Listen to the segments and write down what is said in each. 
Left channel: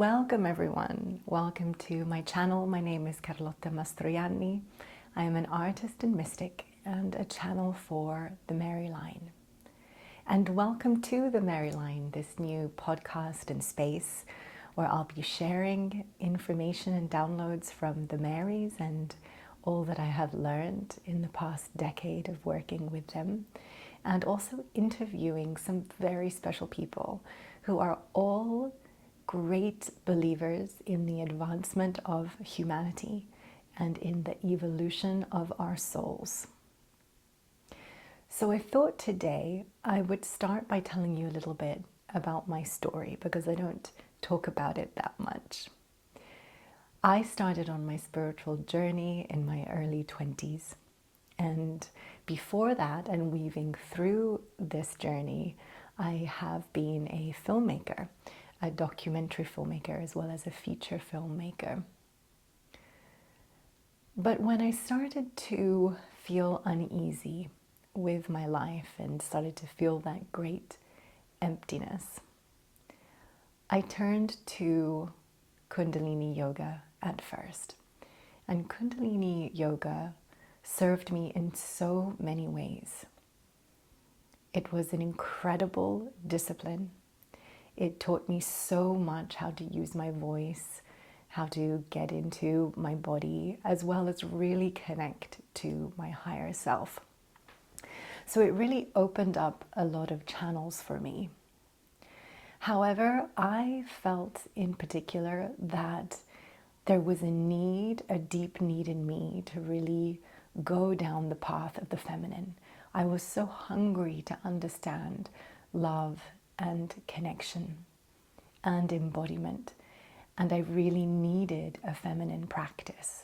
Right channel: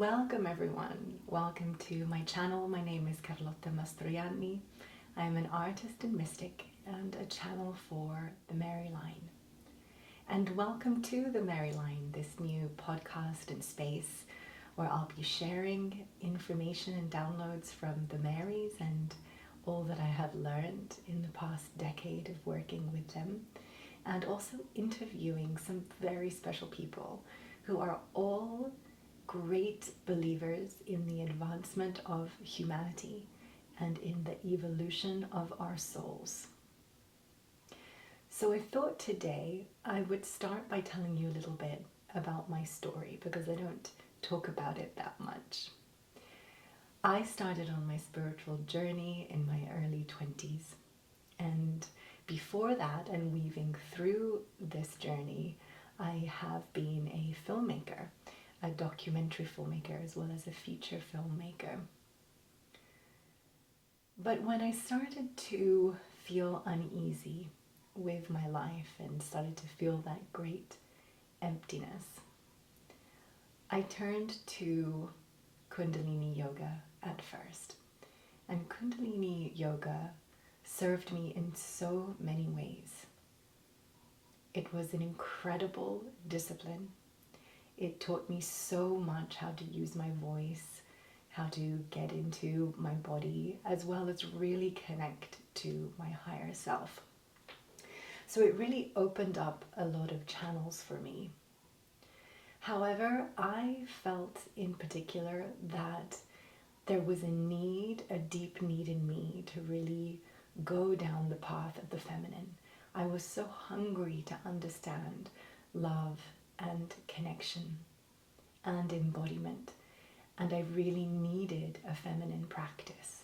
Welcome everyone. Welcome to my channel. My name is Carlotta. I am an artist and mystic and a channel for the Mary Line. And welcome to the Mary Line, this new podcast and space where I'll be sharing information and downloads from the Marys and all that I have learned in the past decade of working with them, and also interviewing some very special people who are all great believers in the advancement of humanity and in the evolution of our souls. So I thought today I would start by telling you a little bit about my story, because I don't talk about it that much. I started on my spiritual journey in my early 20s, and before that, and weaving through this journey, I have been a filmmaker, a documentary filmmaker, as well as a feature filmmaker. But when I started to feel uneasy with my life and started to feel that great emptiness, I turned to Kundalini Yoga at first. And Kundalini Yoga served me in so many ways. It was an incredible discipline. It taught me so much how to use my voice, how to get into my body, as well as really connect to my higher self. So it really opened up a lot of channels for me. However, I felt in particular that there was a deep need in me to really go down the path of the feminine. I was so hungry to understand love and connection and embodiment, and I really needed a feminine practice.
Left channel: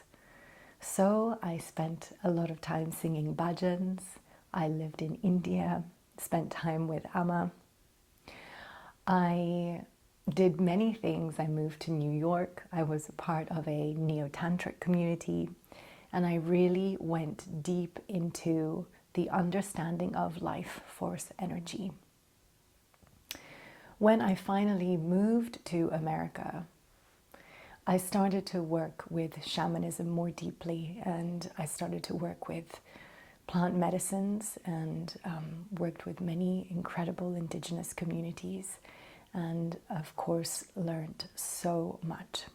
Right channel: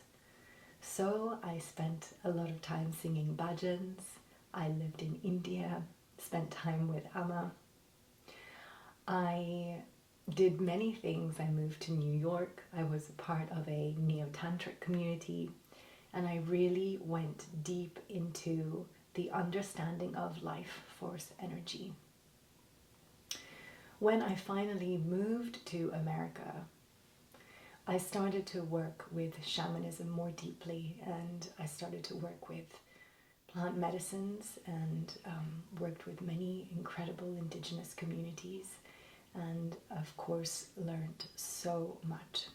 So I spent a lot of time singing bhajans. I lived in India, spent time with Amma. I did many things. I moved to New York. I was a part of a neo-tantric community, and I really went deep into the understanding of life force energy. When I finally moved to America, I started to work with shamanism more deeply, and I started to work with plant medicines and worked with many incredible indigenous communities, and of course learned so much.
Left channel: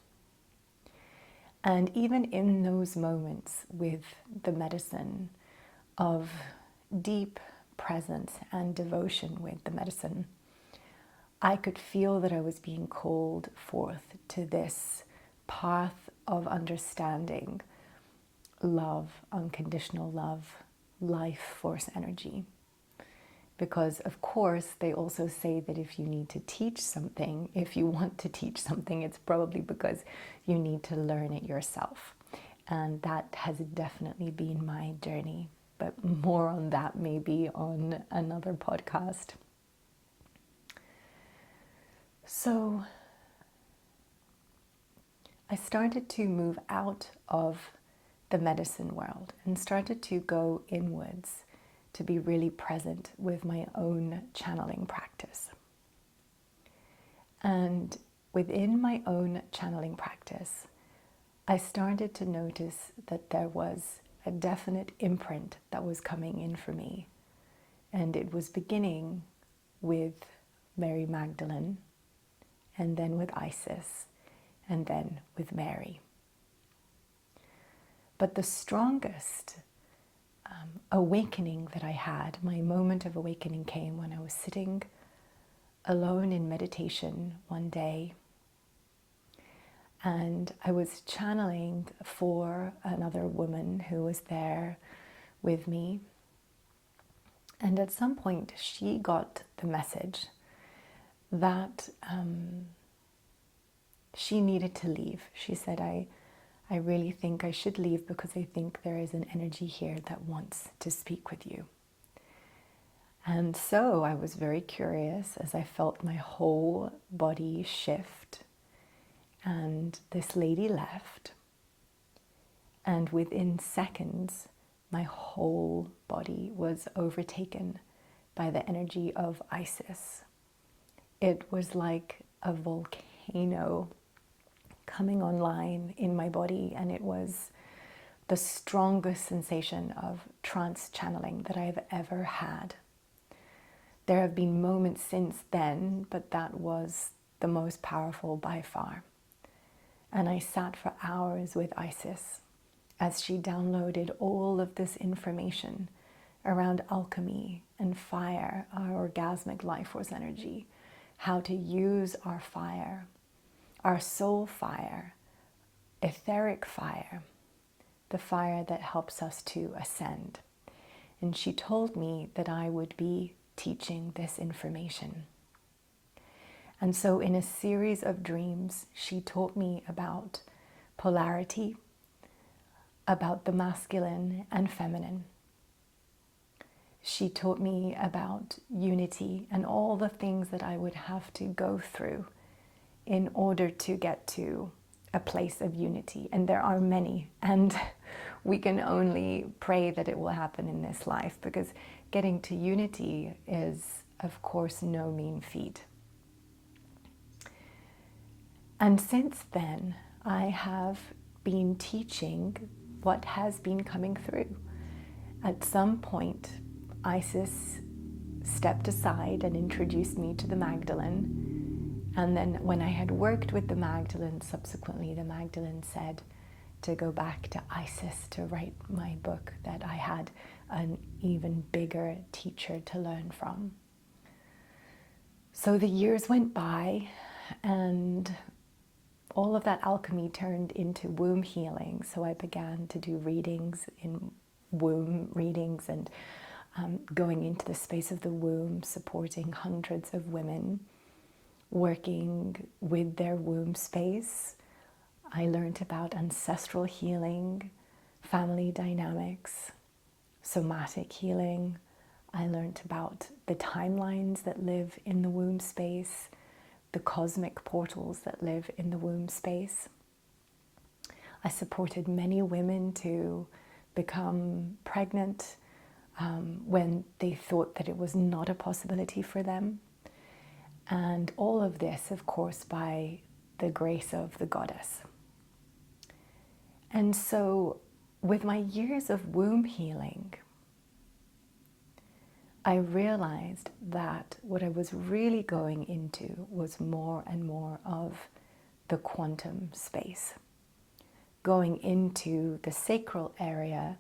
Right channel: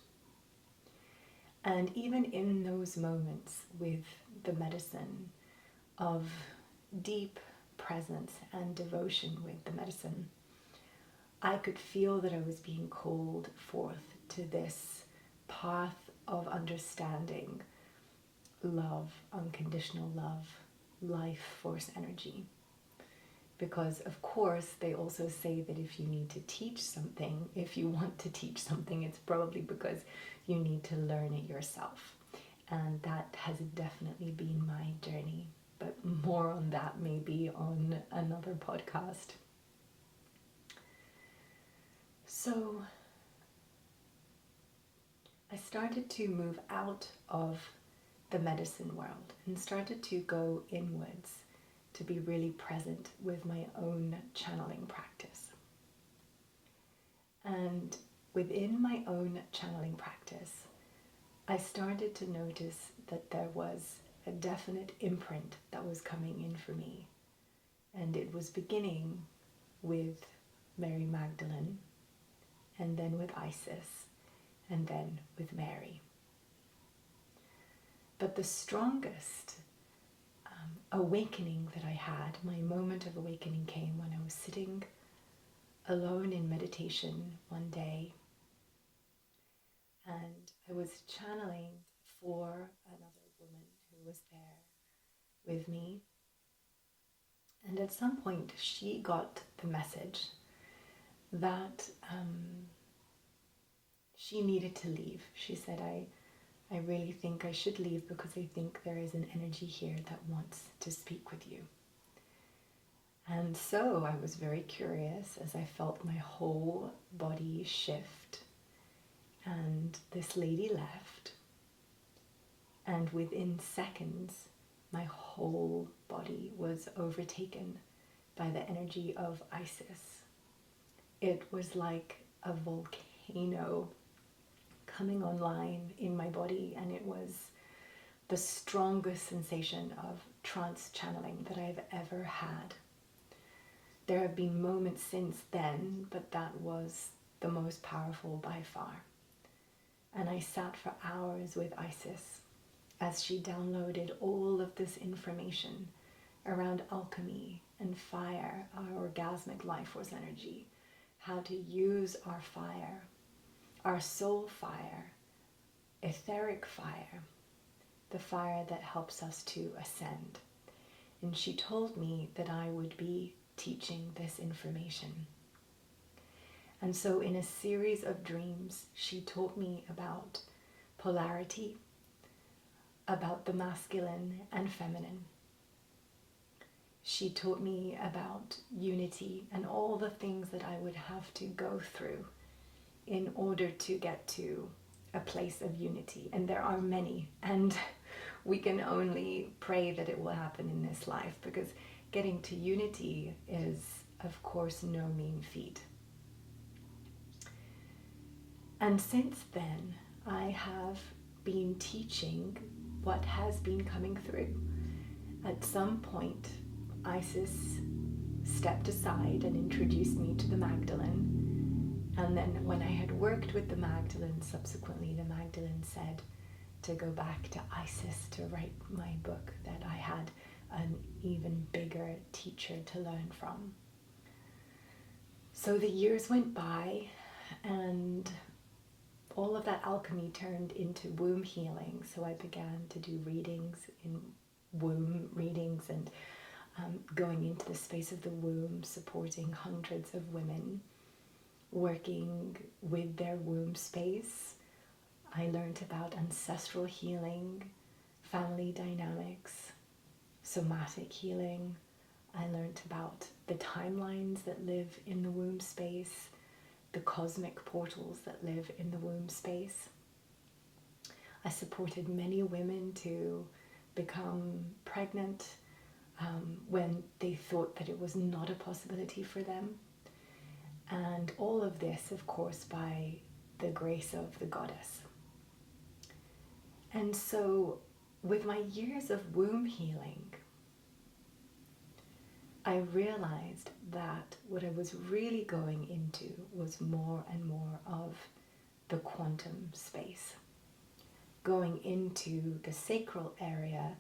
And even in those moments with the medicine of deep presence and devotion with the medicine, I could feel that I was being called forth to this path of understanding love, unconditional love, life force energy. Because of course they also say that if you need to teach something, if you want to teach something, it's probably because you need to learn it yourself. And that has definitely been my journey, but more on that maybe on another podcast. So I started to move out of the medicine world and started to go inwards to be really present with my own channeling practice. And within my own channeling practice, I started to notice that there was a definite imprint that was coming in for me. And it was beginning with Mary Magdalene, and then with Isis, and then with Mary. But the strongest awakening that I had, my moment of awakening, came when I was sitting alone in meditation one day, and I was channeling for another woman who was there with me. And at some point she got the message that she needed to leave. She said, I really think I should leave because I think there is an energy here that wants to speak with you. And so I was very curious as I felt my whole body shift, and this lady left, and within seconds my whole body was overtaken by the energy of Isis. It was like a volcano coming online in my body, and it was the strongest sensation of trance channeling that I've ever had. There have been moments since then, but that was the most powerful by far. And I sat for hours with Isis as she downloaded all of this information around alchemy and fire, our orgasmic life force energy, how to use our fire, our soul fire, etheric fire, the fire that helps us to ascend. And she told me that I would be teaching this information. And so in a series of dreams, she taught me about polarity, about the masculine and feminine. She taught me about unity and all the things that I would have to go through in order to get to a place of unity. And there are many, and we can only pray that it will happen in this life, because getting to unity is, of course, no mean feat. And since then, I have been teaching what has been coming through. At some point, Isis stepped aside and introduced me to the Magdalene. And then when I had worked with the Magdalene, subsequently the Magdalene said to go back to Isis to write my book, that I had an even bigger teacher to learn from. So the years went by, and all of that alchemy turned into womb healing. So I began to do readings, in womb readings, and going into the space of the womb, supporting hundreds of women, working with their womb space. I learned about ancestral healing, family dynamics, somatic healing. I learned about the timelines that live in the womb space, the cosmic portals that live in the womb space. I supported many women to become pregnant when they thought that it was not a possibility for them. And all of this, of course, by the grace of the goddess. And so with my years of womb healing, I realized that what I was really going into was more and more of the quantum space, going into the sacral area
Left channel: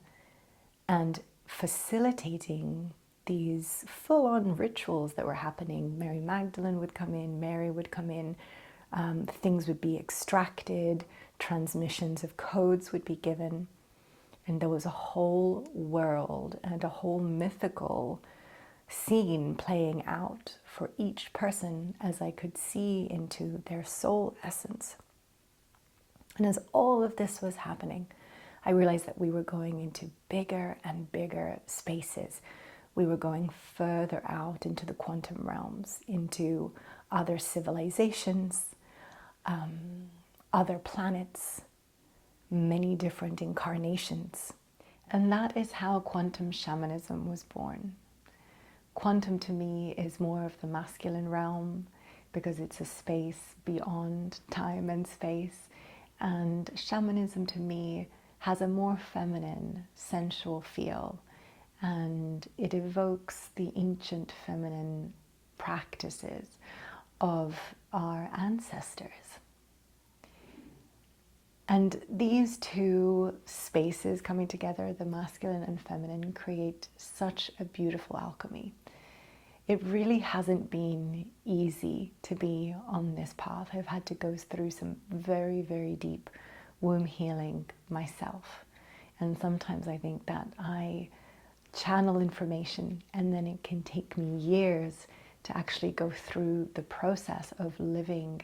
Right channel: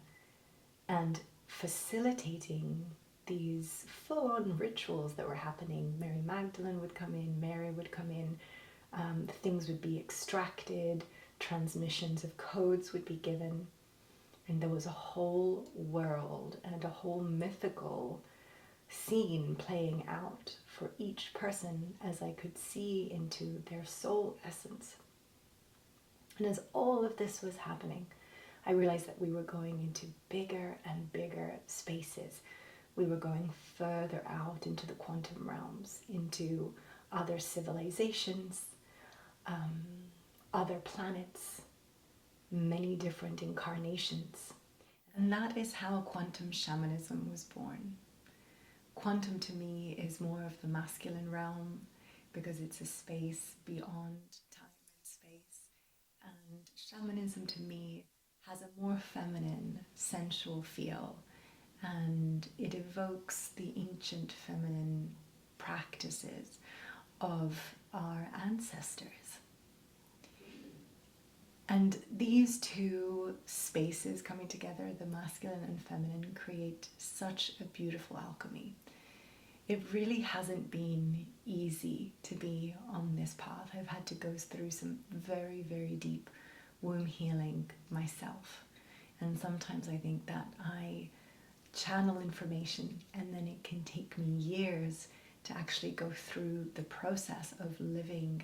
and facilitating these full-on rituals that were happening. Mary Magdalene would come in, Mary would come in, things would be extracted, transmissions of codes would be given, and there was a whole world and a whole mythical scene playing out for each person as I could see into their soul essence. And as all of this was happening, I realized that we were going into bigger and bigger spaces. We were going further out into the quantum realms, into other civilizations, other planets, many different incarnations. And that is how quantum shamanism was born. Quantum to me is more of the masculine realm, because it's a space beyond time and space. And shamanism to me has a more feminine, sensual feel, and it evokes the ancient feminine practices of our ancestors. And these two spaces coming together, the masculine and feminine, create such a beautiful alchemy. It really hasn't been easy to be on this path. I've had to go through some very, very deep womb healing myself. And sometimes I think that I channel information and then it can take me years to actually go through the process of living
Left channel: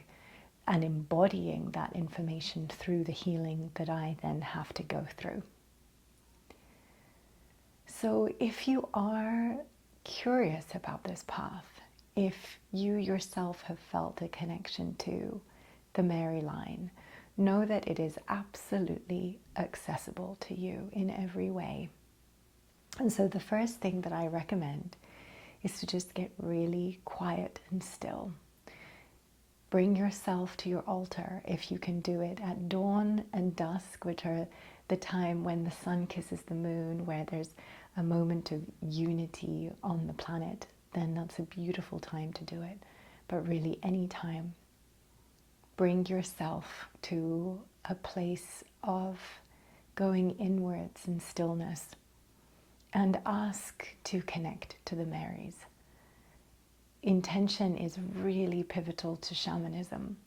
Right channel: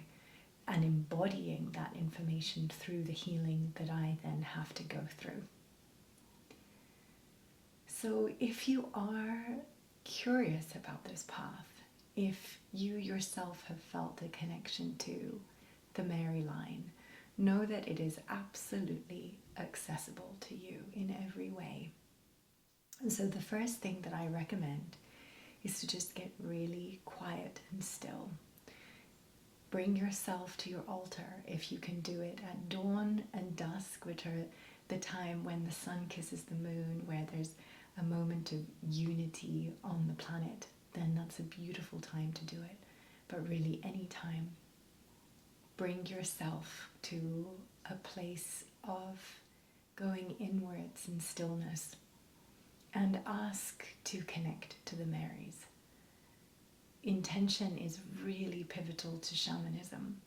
and embodying that information through the healing that I then have to go through. So if you are curious about this path, if you yourself have felt a connection to the Mary line, know that it is absolutely accessible to you in every way. And so the first thing that I recommend is to just get really quiet and still. Bring yourself to your altar if you can do it at dawn and dusk, which are the time when the sun kisses the moon, where there's a moment of unity on the planet. Then that's a beautiful time to do it. But really, any time, bring yourself to a place of going inwards in stillness and ask to connect to the Marys. Intention is really pivotal to shamanism.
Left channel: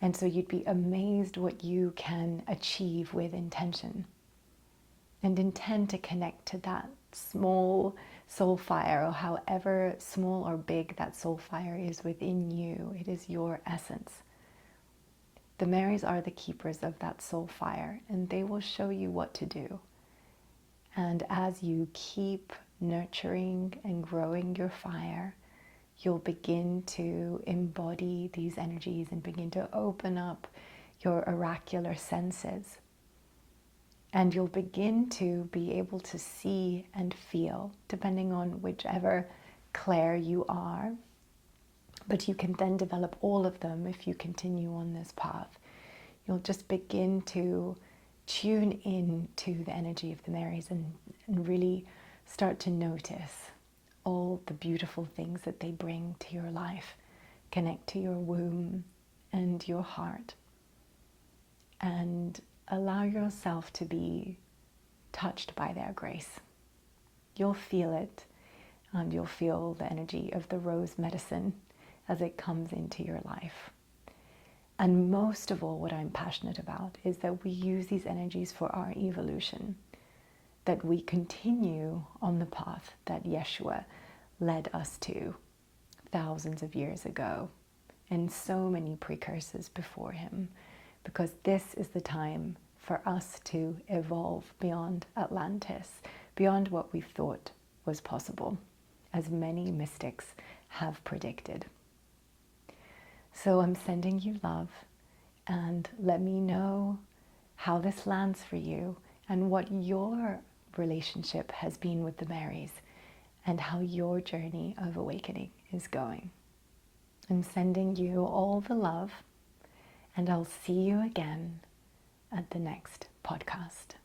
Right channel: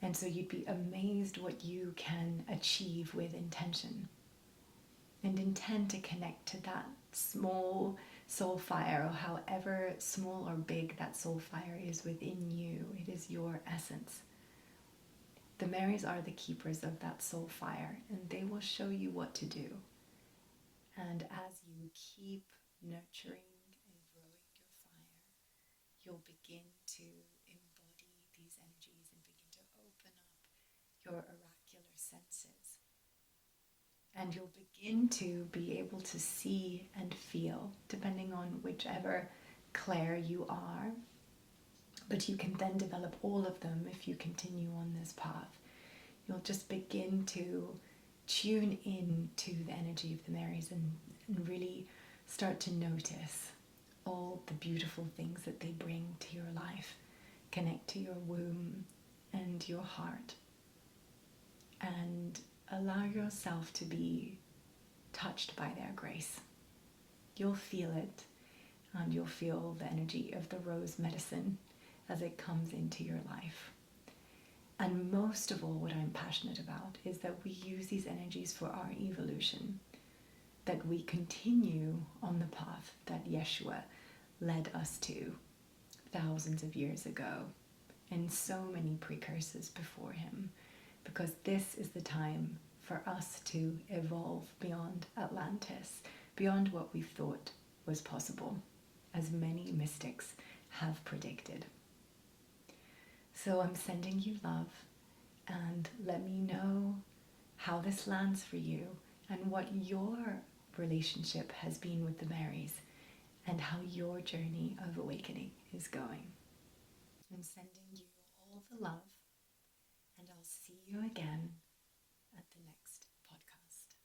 And so you'd be amazed what you can achieve with intention. And intend to connect to that small soul fire, or however small or big that soul fire is within you. It is your essence. The Marys are the keepers of that soul fire, and they will show you what to do. And as you keep nurturing and growing your fire, you'll begin to embody these energies and begin to open up your oracular senses. And you'll begin to be able to see and feel, depending on whichever clair you are. But you can then develop all of them if you continue on this path. You'll just begin to tune in to the energy of the Marys and really start to notice all the beautiful things that they bring to your life. Connect to your womb and your heart, and allow yourself to be touched by their grace. You'll feel it, and you'll feel the energy of the rose medicine as it comes into your life. And most of all, what I'm passionate about is that we use these energies for our evolution, that we continue on the path that Yeshua led us to thousands of years ago, and so many precursors before him, because this is the time for us to evolve beyond Atlantis, beyond what we thought was possible, as many mystics have predicted. So I'm sending you love, and let me know how this lands for you and what your relationship has been with the Marys and how your journey of awakening is going. I'm sending you all the love, and I'll see you again at the next podcast.